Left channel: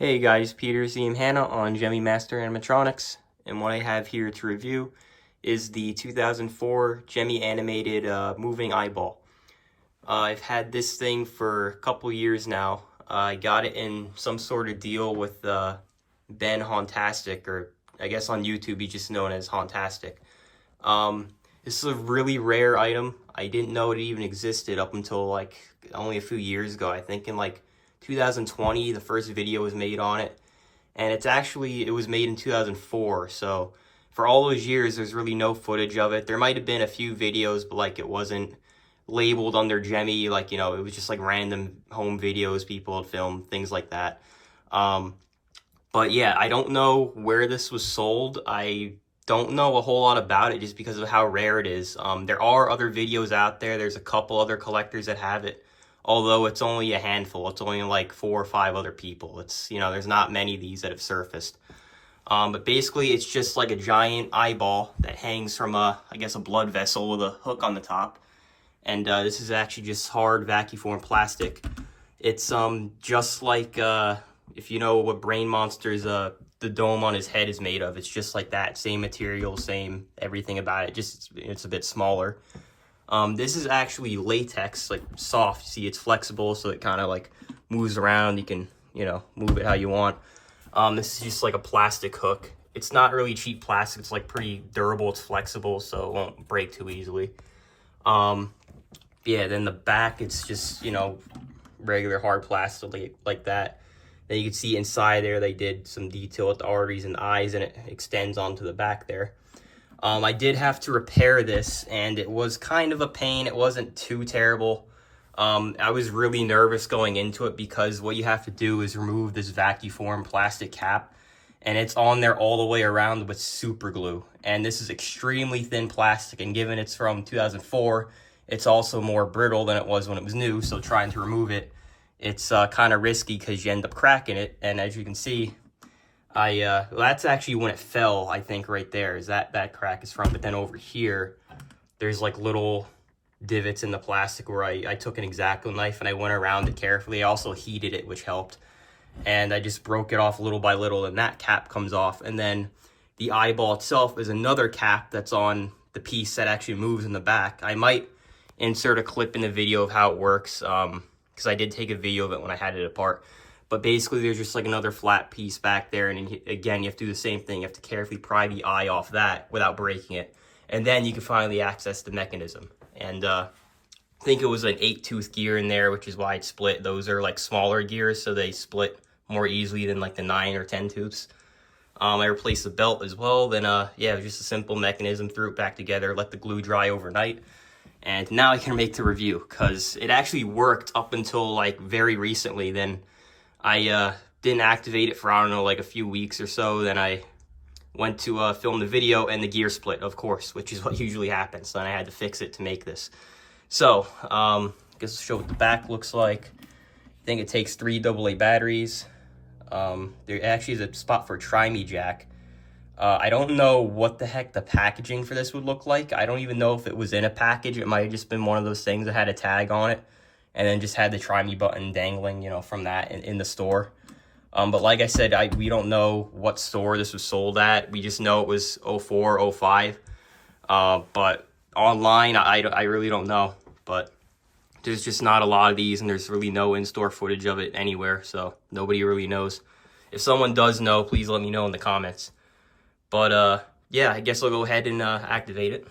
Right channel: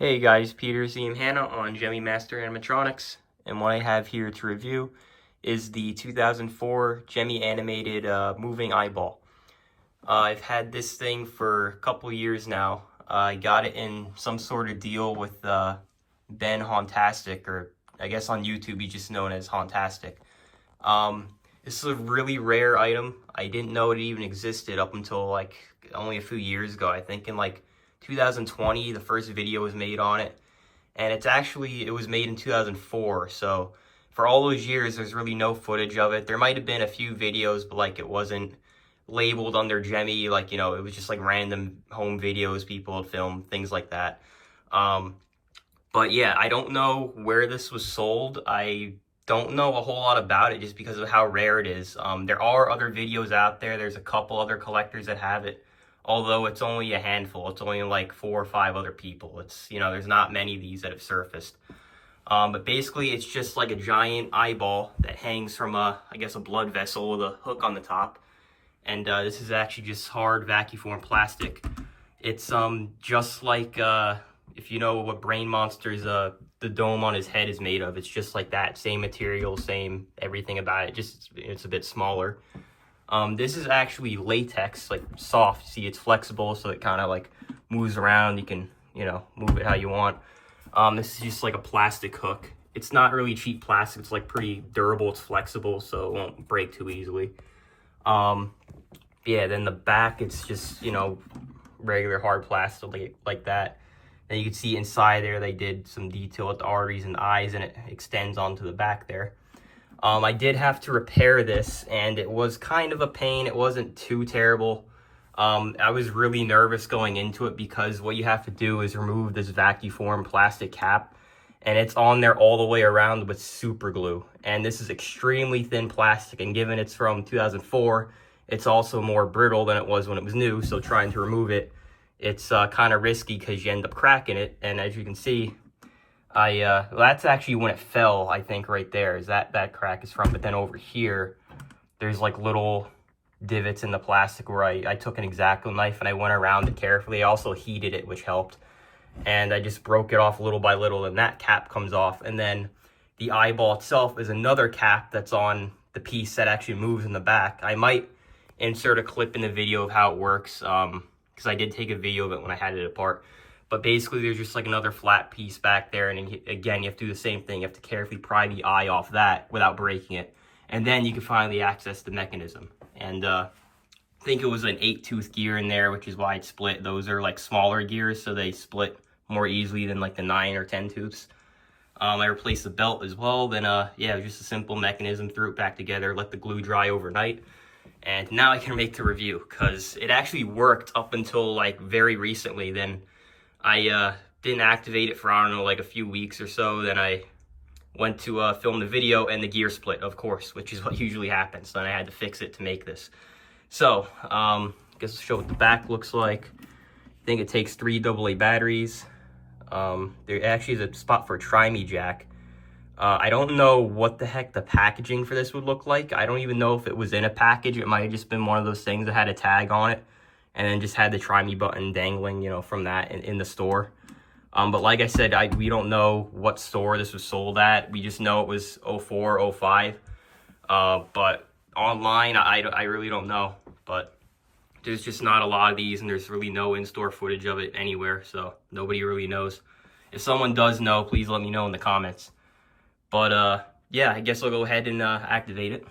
Hey guys, Peter Z and Hannah on Gemmy Master Animatronics, and what I have here to review is the 2004 Gemmy animated moving eyeball. I've had this thing for a couple years now. I got it in some sort of deal with Ben Hauntastic, or I guess on YouTube he's just known as Hauntastic. This is a really rare item. I didn't know it even existed up until like only a few years ago. I think in like 2020 the first video was made on it, and it was made in 2004, so for all those years there's really no footage of it. There might have been a few videos, but like it wasn't labeled under Gemmy, like, you know, it was just like random home videos people had filmed, things like that. But yeah, I don't know where this was sold. I don't know a whole lot about it just because of how rare it is. There are other videos out there. There's a couple other collectors that have it, although it's only a handful. It's only like 4 or 5 other people. It's, you know, there's not many of these that have surfaced. But basically it's just like a giant eyeball that hangs from I guess a blood vessel with a hook on the top. And this is actually just hard vacuum form plastic. It's just like if you know what Brain Monster's the dome on his head is made of. It's just like that, same material, same everything about it, just it's a bit smaller. This is actually latex, like soft. See, it's flexible, so it kind of like moves around. You can, you know, move it how you want. This is just like a plastic hook. It's not really cheap plastic. It's like pretty durable. It's flexible, so it won't break too easily. Yeah, then the back, it's just, you know, regular hard plastic like that. Then you can see inside there, they did some detail with the arteries and eyes, and it extends onto the back there. I did have to repair this, and it was kind of a pain. It wasn't too terrible. I was really nervous going into it because what you have to do is remove this vacuum form plastic cap, and it's on there all the way around with super glue. And this is extremely thin plastic, and given it's from 2004, it's also more brittle than it was when it was new, so trying to remove it, it's kind of risky because you end up cracking it. And as you can see, well, that's actually when it fell, I think, right there is that crack is from. But then over here, there's like little divots in the plastic where I took an X-Acto knife and I went around it carefully. I also heated it, which helped. And I just broke it off little by little, and that cap comes off. And then the eyeball itself is another cap that's on the piece that actually moves in the back. I might insert a clip in the video of how it works, because I did take a video of it when I had it apart. But basically there's just like another flat piece back there, and again, you have to do the same thing. You have to carefully pry the eye off that without breaking it, and then you can finally access the mechanism. And I think it was an 8-tooth gear in there, which is why it split. Those are like smaller gears, so they split more easily than like the 9 or 10 tooths. I replaced the belt as well. Then yeah, it was just a simple mechanism, threw it back together, let the glue dry overnight. And now I can make the review, because it actually worked up until like very recently. Then I didn't activate it for, I don't know, like a few weeks or so. Then I went to film the video, and the gear split, of course, which is what usually happens. Then I had to fix it to make this. So I guess I'll show what the back looks like. I think it takes 3 AA batteries. There actually is a spot for a Tri-Me jack. I don't know what the heck the packaging for this would look like. I don't even know if it was in a package. It might have just been one of those things that had a tag on it, and then just had the Tri-Me button dangling, you know, from that in the store. But like I said, we don't know what store this was sold at. We just know it was 04, 05. But online, I really don't know. But there's just not a lot of these, and there's really no in-store footage of it anywhere, so nobody really knows. If someone does know, please let me know in the comments. But yeah, I guess I'll go ahead and activate it.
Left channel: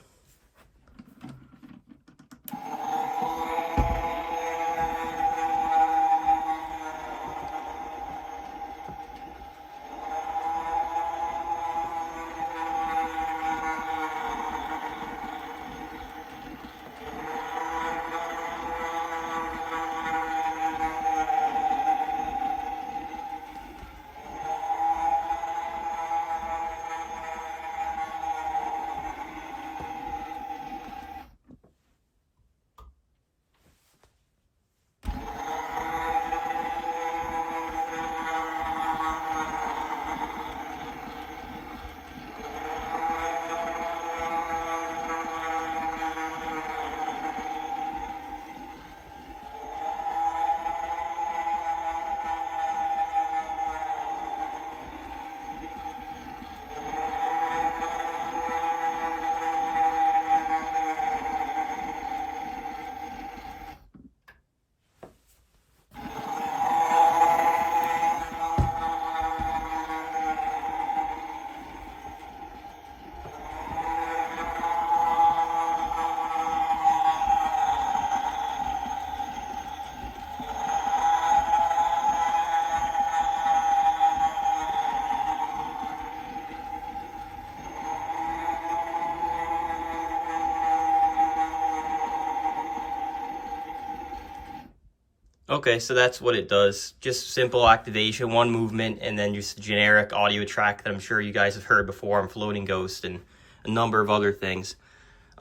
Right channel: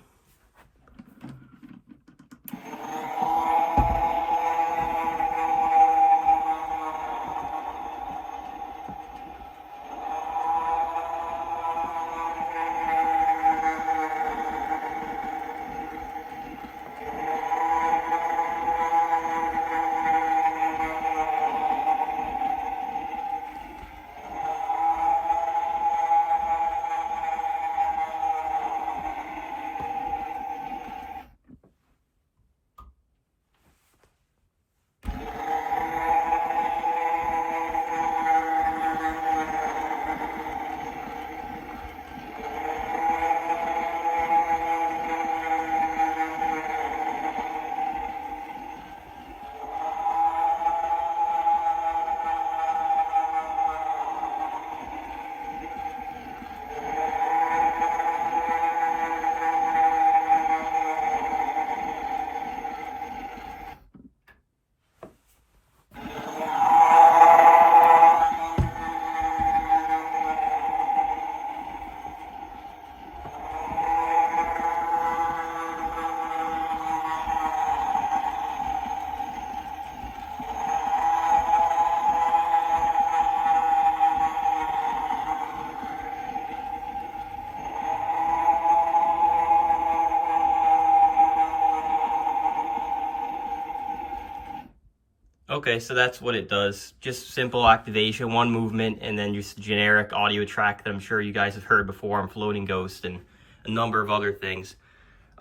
Okay, so that's what it does. Just simple activation, one movement, and then just generic audio track that I'm sure you guys have heard before on Floating Ghost and a number of other things.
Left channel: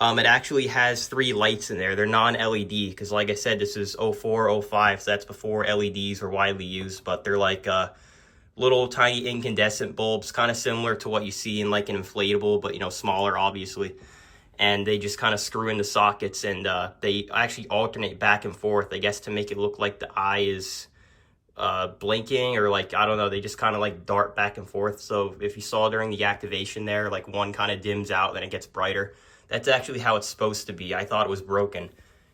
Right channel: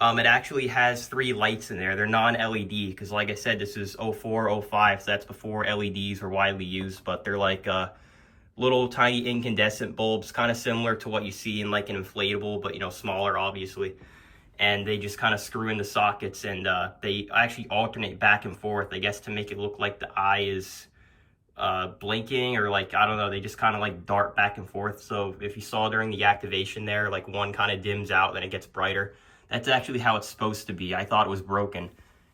It actually has 3 lights in there. They're non-LED because, like I said, this is 04, 05, so that's before LEDs were widely used, but they're like little tiny incandescent bulbs, kind of similar to what you see in like an inflatable, but, you know, smaller, obviously. And they just kind of screw into sockets, and they actually alternate back and forth, I guess, to make it look like the eye is blinking, or like, I don't know, they just kind of like dart back and forth. So if you saw during the activation there, like one kind of dims out, then it gets brighter. That's actually how it's supposed to be. I thought it was broken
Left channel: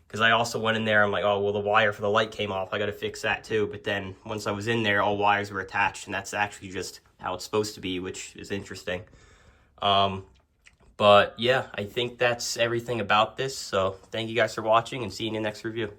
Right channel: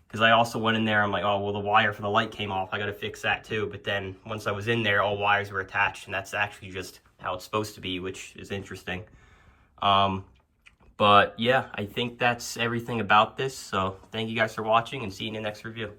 because I also went in there, I'm like, oh, well, the wire for the light came off, I got to fix that too. But then once I was in there, all wires were attached, and that's actually just how it's supposed to be, which is interesting. But yeah, I think that's everything about this. So thank you guys for watching, and see you in the next review.